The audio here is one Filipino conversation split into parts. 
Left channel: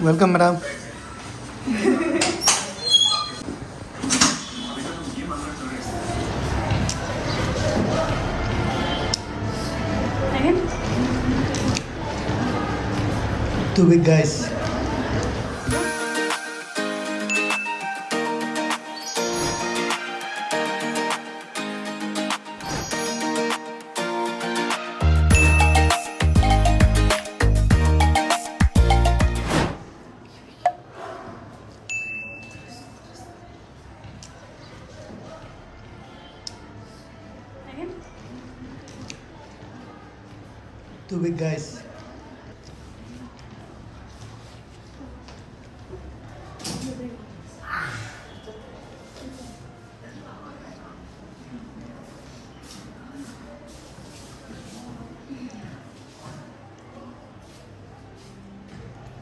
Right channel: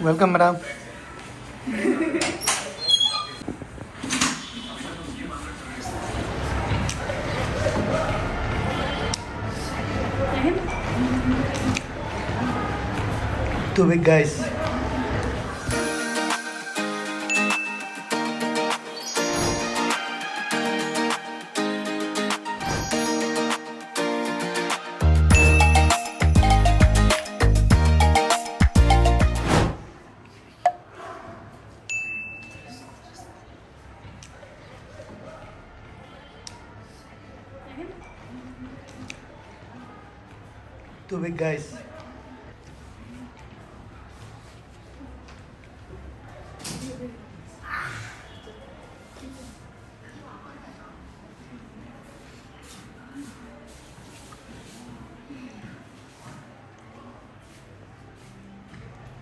Welcome, madam. Too big, guys. Too big, guys.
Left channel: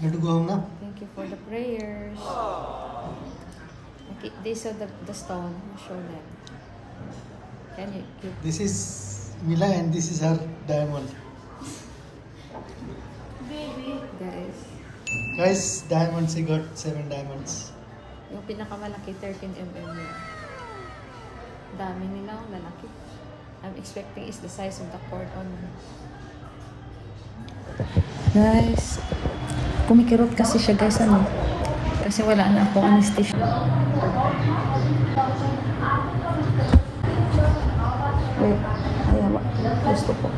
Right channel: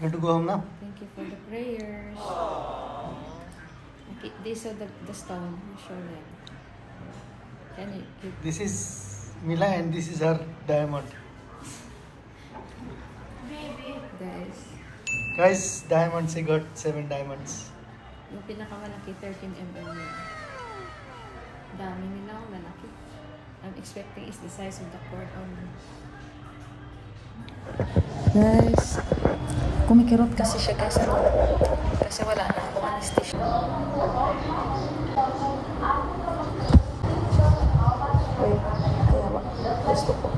Want to go home now? Thank you for the prayers. Okay, these are the stone. Show them. Can you give? This is Mila and this is her diamond. Guys, diamonds, he got 7 diamonds. Yung pinakamalaki, 13 mm. Dami nila, lalaki. I'm expecting is the size of the cord on. Nice. Kumikirot kasi siya, guys, ano? Kasi wala na akong anesthesia. Wait, ayaw. Gusto ko.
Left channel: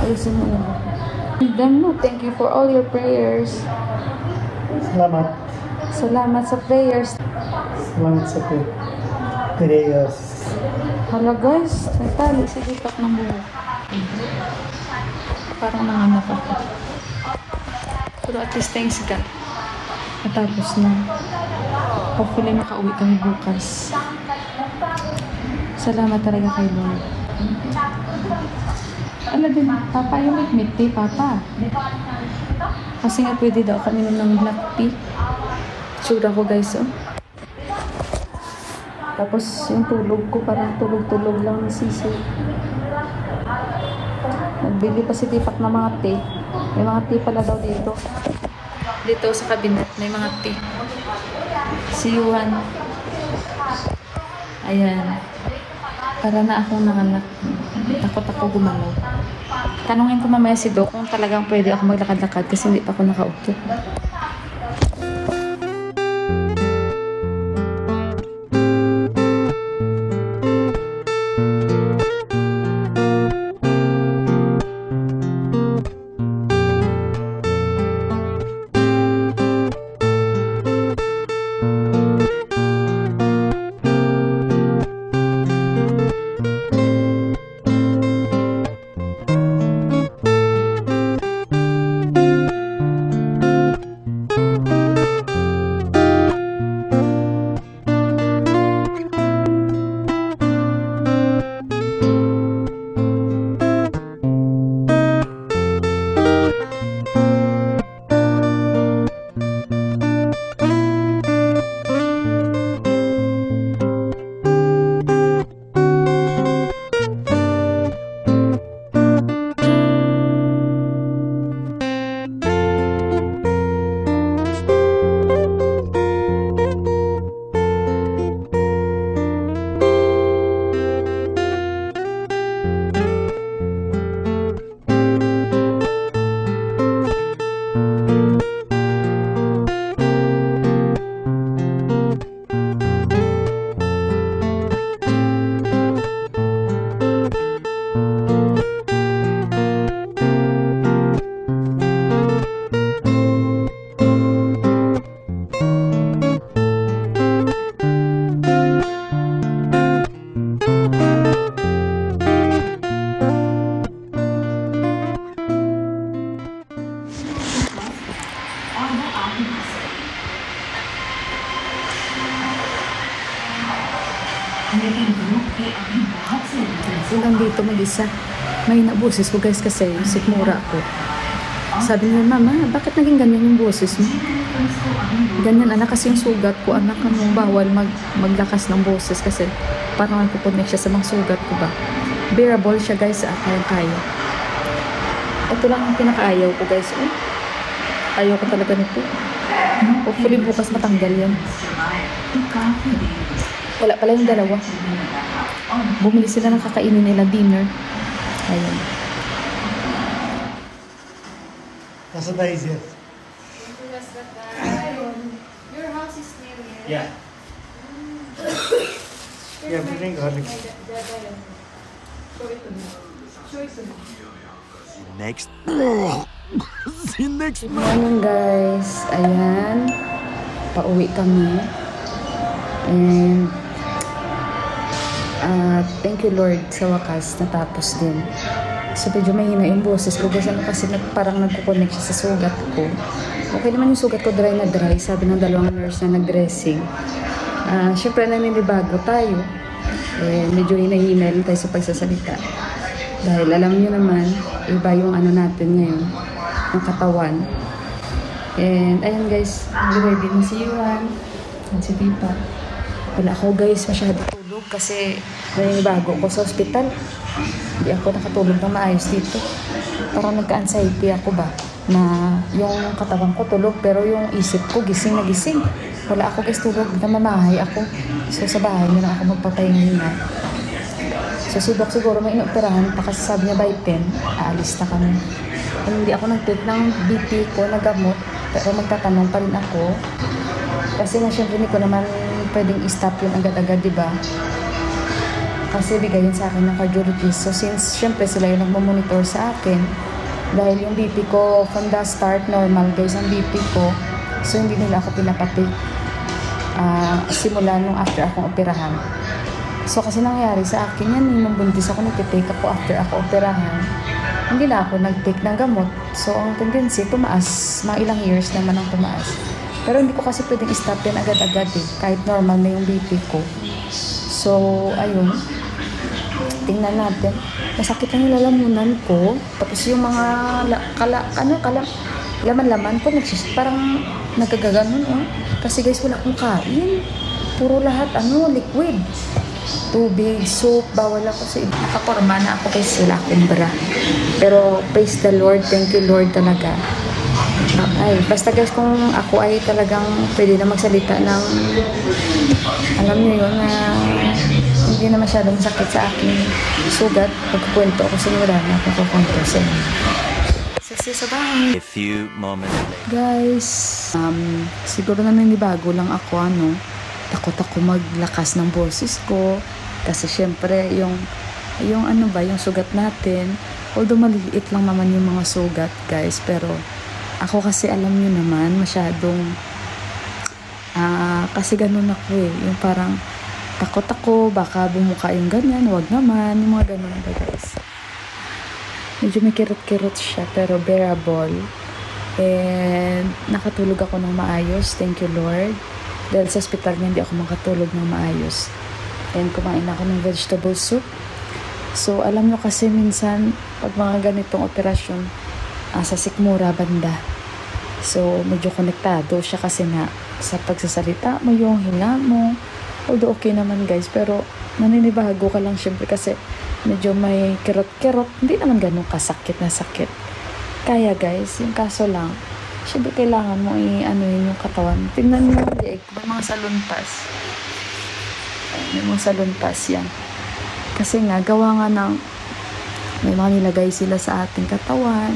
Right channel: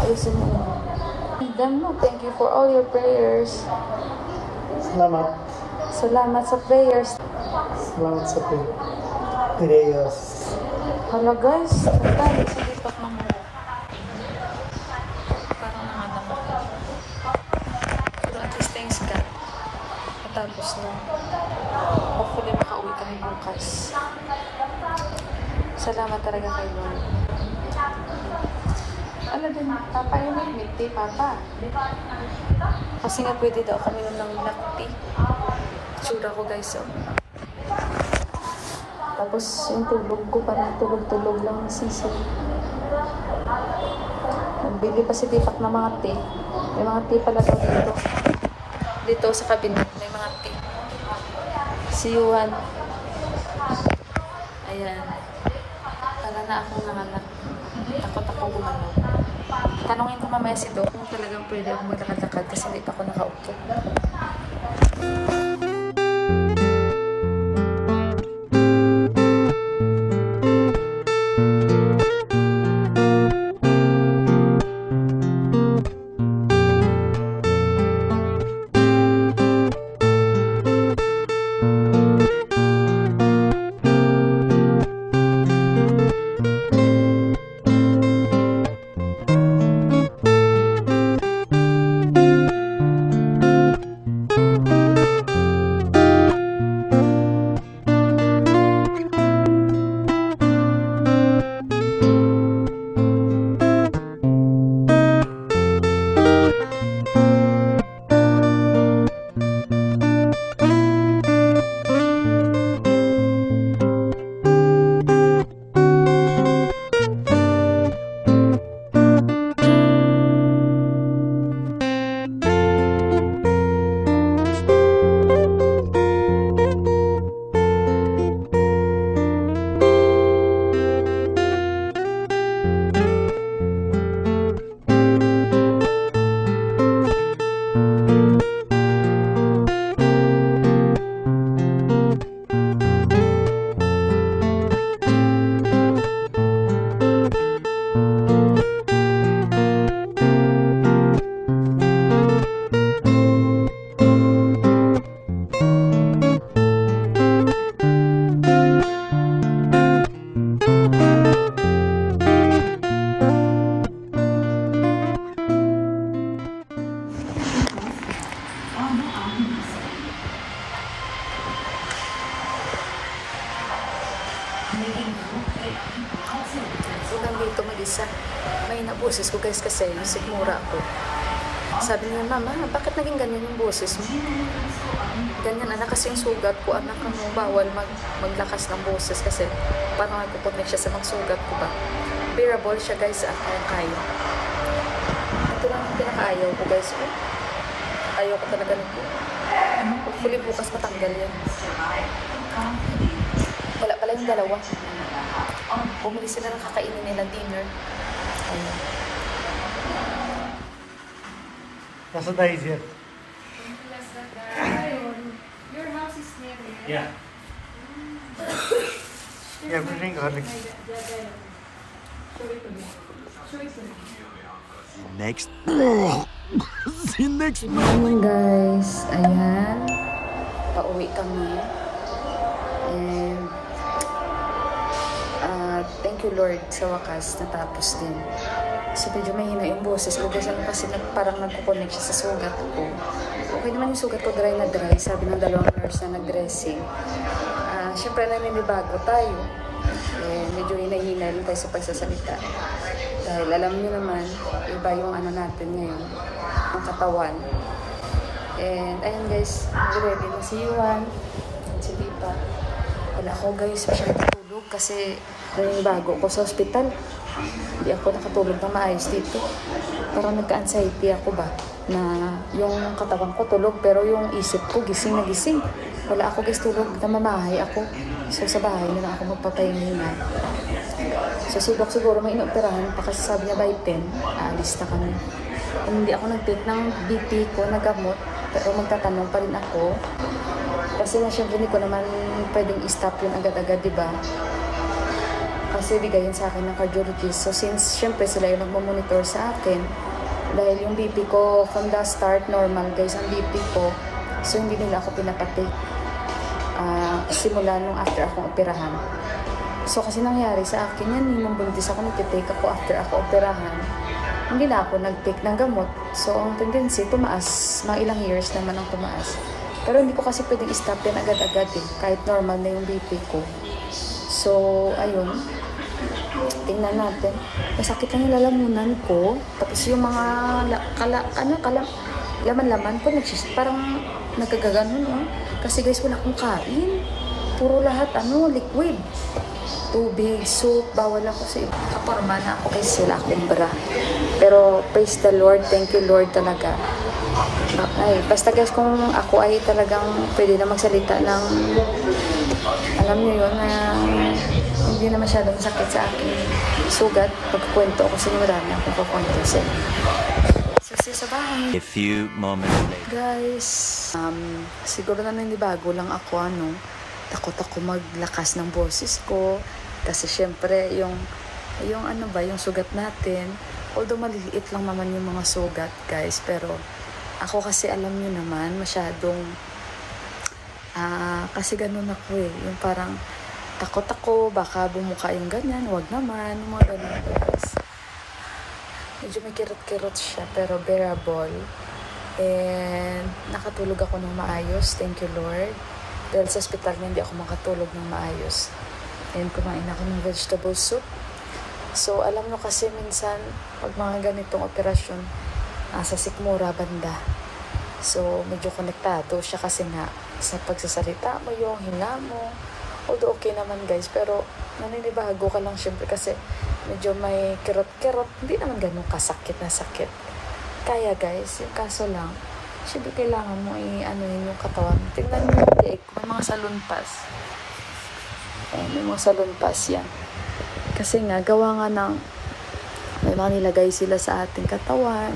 Ayusin mo yun. Thank you for all your prayers. Salamat. Salamat sa prayers. Salamat sa prayers. Hala, guys, nagtali sa dipak ng buhok. Parang nanganap ako. Pero at least thanks God. Natapos na. Hopefully makauwi kami bukas. Salamat talaga kay Lord. Alam din, Papa, yung milk tea, Papa. Kasi nga pwede daw kami ng black tea. Tsura ko, guys, oh. Tapos yung tulog ko, parang tulog-tulog lang ng sisi. Nagbili pa si Tipak na mga tea. May mga tea pala daw dito. Dito sa cabinet, may mga tea. Si Yuhan. Ayan. Para na akong nanganak. Takot ako gumalaw. Tanungin ko mamaya si Doc kung talagang pwede ako maglakad-lakad kasi hindi pa ako nakaupo. Ulang dito mag-isa. May naboses ko, guys, kasi sikmura ako. Sabi niya, Mama, bakit naging ganyan yung boses mo? Ganyan, anak, kasi yung sugat ko, anak, ano, bawal maglakas ng boses kasi parang nagpupunik siya sa mga sugat ko ba. Bearable siya, guys, kayang-kaya. Ito lang yung pinakaayaw ko, guys. Ayaw ko talaga nito. Hopefully bukas matanggal yan. Wala pala yung dalawa. Bumili sila ng kakainin nila dinner. Ayun. Nasa tayo siya. Your house is near here. Yeah. Yeah, bring garlic. Show it to me. Show it to me. Next. See next. Morning guys. Ayan. Pauwi kami. And thank you Lord sa wakas natapos din. So medyo mahina yung boses ko kasi parang nagko-connect siya sa sugat ko. Okay naman yung sugat ko, dry na dry. Sabi ng dalawang nurse na nag-dressing. Siyempre naninibago tayo. Medyo hinahinay tayo sa pagsasalita. Dahil alam niyo naman, iba yung ano natin ngayon, ng katawan. And ayun guys, ready na si Yuan. And si Pipa. Wala ako guys, masyadong tulog kasi naninibago ko sa ospital. Hindi ako nakatulog ng maayos dito. Parang nagka-anxiety ako ba? Na yung katawan ko tulog pero yung isip ko gising na gising. Wala ako guys tulog, namamahay ako. So sa bahay na lang ako magpapahinga. So si Doc siguro may inoperahan pa kasi sabi niya by 10, aalis na kami. And hindi ako nag-take ng BP ko na gamot pero magtatanong pa rin ako. Kasi na syempre hindi ko naman pwedeng i-stop yun agad-agad, diba? Kasi bigayin sa akin ng cardiologist. So since syempre sila yung nagmamonitor sa akin, dahil yung BP ko from the start normal guys ang BP ko, so hindi nila ako pinapatik simula nung after akong operahan. So kasi nangyari sa akin yan, nung buntis ako nagtitake ako after ako operahan, hindi na ako nag-take ng gamot. So ang tendency tumaas, mga ilang years naman ang tumaas. Pero hindi ko kasi pwedeng stop yan agad-agad eh, kahit normal na yung BP ko. So ayun, tingnan natin. Masakit ang lalamunan ko. Tapos yung mga laman-laman ko parang nagkagaganon oh. Kasi guys wala akong kain. Puro lahat liquid. Tubig, soup, bawal ako sa iba. Nakaporma na ako guys, wala akong bra. Pero praise the Lord, thank you Lord talaga. Ay, basta guys kung ako ay talagang pwede na magsalita ng alam niyo yun na hindi na masyadong sakit sa aking sugat. Pagkukwento ako sa inyo, marami akong kukwento sa inyo. Sasi sa bahay. A few moments later. Guys, siguro na nanibago lang ako takot ako maglakas ng boses ko. Kasi syempre, yung sugat natin, although maliliit lang naman yung mga sugat, guys, pero ako kasi alam nyo naman, masyadong, kasi ganun ako yung parang, takot ako, baka bumuka yung ganyan, wag naman, yung mga ganun, guys. Medyo may kirot-kirot siya, pero bearable. And, nakatulog ako ng maayos, thank you Lord. Dahil sa hospital niya, hindi ako makatulog ng maayos. And kumain ako ng vegetable soup. So, alam nyo kasi minsan, pag mga ganitong operasyon, sa sikmura banda. So, medyo konektado siya kasi nga, sa pagsasalita mo, yung hinga mo. Although okay naman guys, pero naninibago ka lang syempre kasi medyo may kirot-kirot. Hindi naman ganun kasakit na sakit. Kaya guys, yung kaso lang, syempre kailangan mo yun yung katawan. Tingnan mo yung leg, may mga salunpas. May mga salunpas yan. Kasi nga, gawa nga ng may mga nilagay sila sa ating katawan.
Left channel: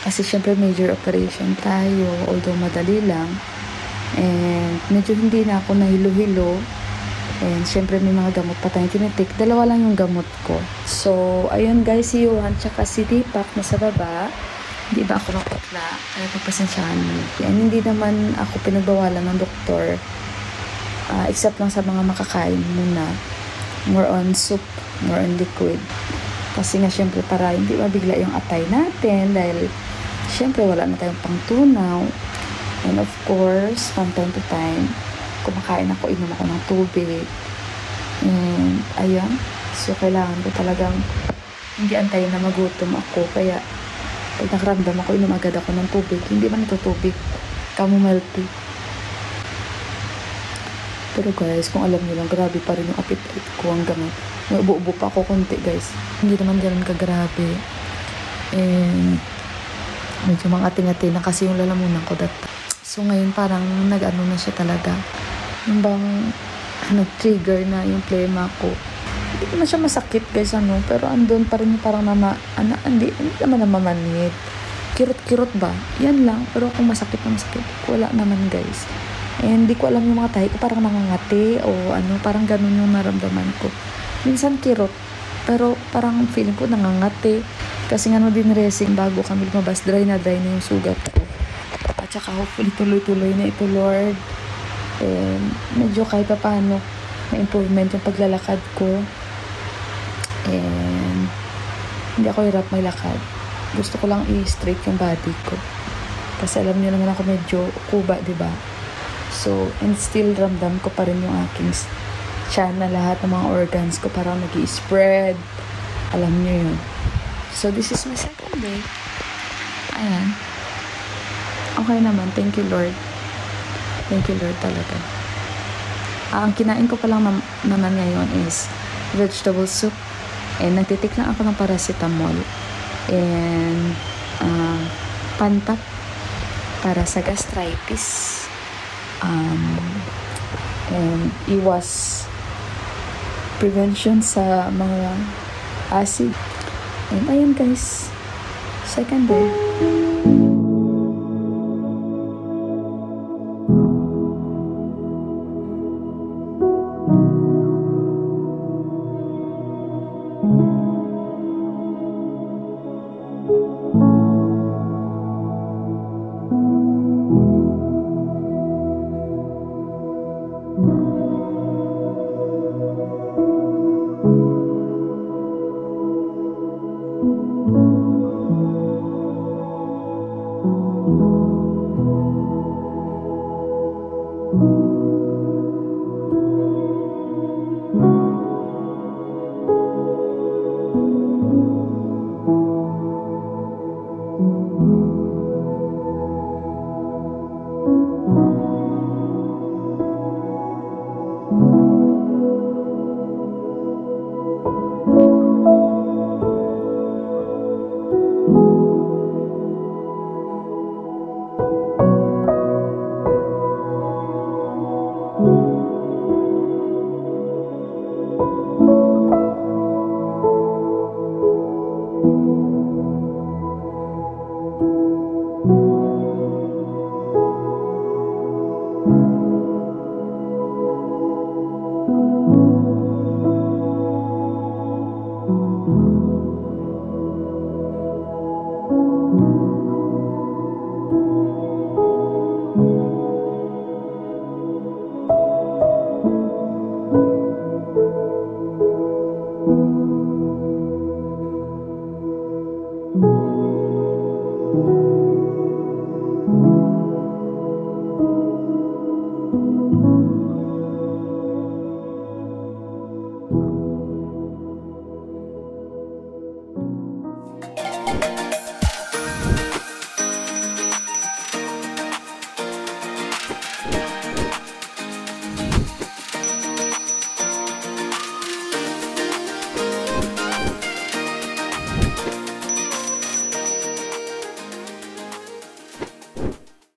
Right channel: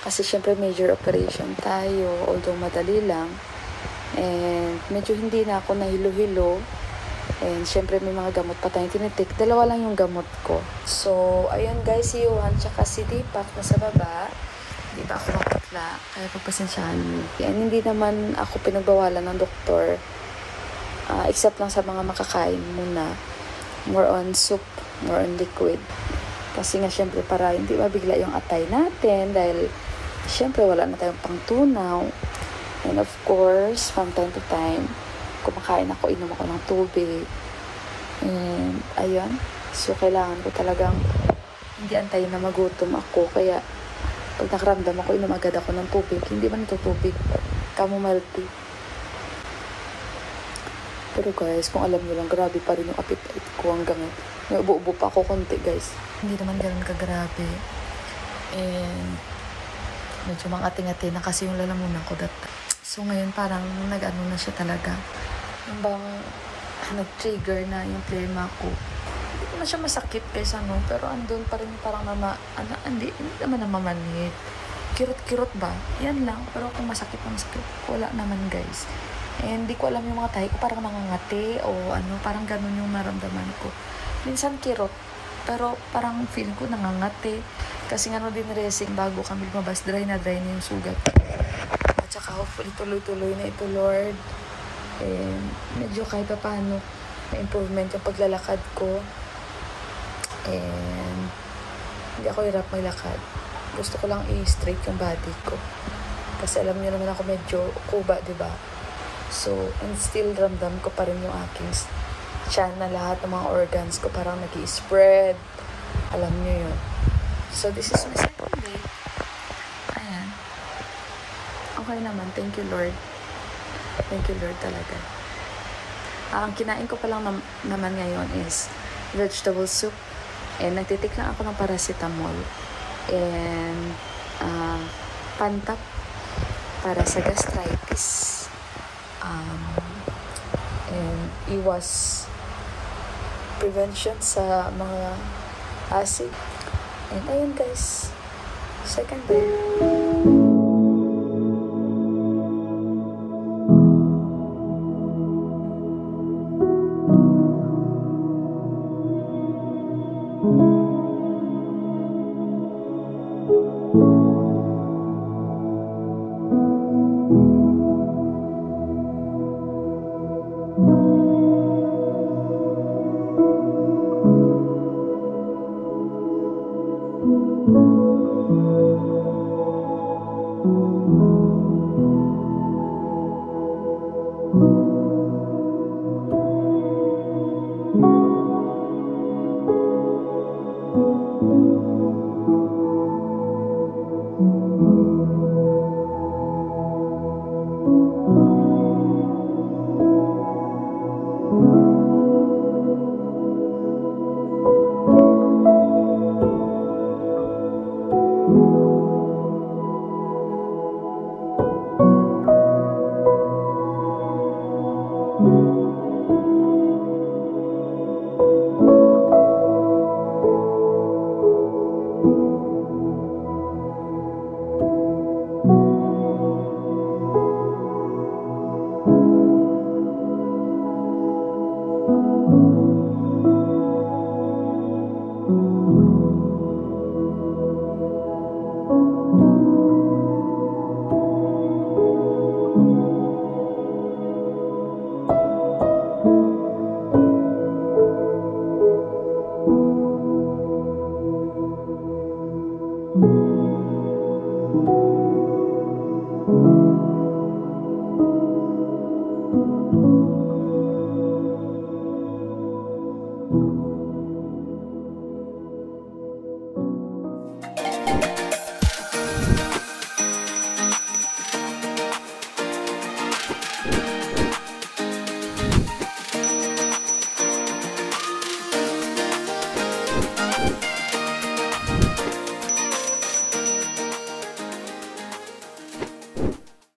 Kasi syempre major operation tayo, although madali lang. And medyo hindi na ako nahilo-hilo. And syempre may mga gamot pa tayong tinitik. Dalawa lang yung gamot ko. So, ayun guys, si Yuan tsaka si Deepak na sa baba. Hindi ba ako nakapatla? Kaya pagpasensyahan niyo. And hindi naman ako pinagbawalan ng doktor. Except lang sa mga makakain muna. More on soup, more on liquid. Kasi nga syempre para hindi mabigla yung atay natin. Dahil syempre wala na tayong pangtunaw. And of course, from time to time, kumakain ako, inom ako ng tubig. And ayun. So kailangan ko talagang hindi antayin na magutom ako. Kaya pag nakaramdam ako, inom agad ako ng tubig. Hindi man ito tubig. Chamomile tea. Pero guys, kung alam niyo lang, grabe pa rin yung appetite ko hanggang may ubo-ubo pa ako konti guys. Hindi naman ganun kagrabe. And Medyo mangati-ngati na kasi yung lalamunan ko that time. So ngayon parang nag-ano na siya talaga. Yung bang nag-trigger na yung plema ko. Hindi naman siya masakit guys, pero andun pa rin yung parang hindi naman namamanit. Kirot-kirot ba? Yan lang. Pero kung masakit na masakit, wala naman guys. And hindi ko alam yung mga tahi ko parang nangangati o parang ganun yung naramdaman ko. Minsan kirot, pero parang feeling ko nangangati. Kasi nga din racing bago kami lumabas, dry na yung sugat ko. At saka hopefully tuloy-tuloy na ito, Lord. And medyo kahit pa paano may improvement yung paglalakad ko. And hindi ako hirap maglakad. Gusto ko lang i-straight yung body ko. Kasi alam niyo naman ako medyo kuba, diba? So, and still ramdam ko pa rin yung aking tiyan na lahat ng mga organs ko parang nag-i-spread. Alam niyo yun. So, this is my second day. Ayan. Okay naman. Thank you, Lord. Thank you, Lord, talaga. Ang kinain ko pa lang naman ngayon is vegetable soup. And nagtitik lang ako ng paracetamol. And Pantak para sa gastritis. And iwas prevention sa mga acid. And ayan guys, second day.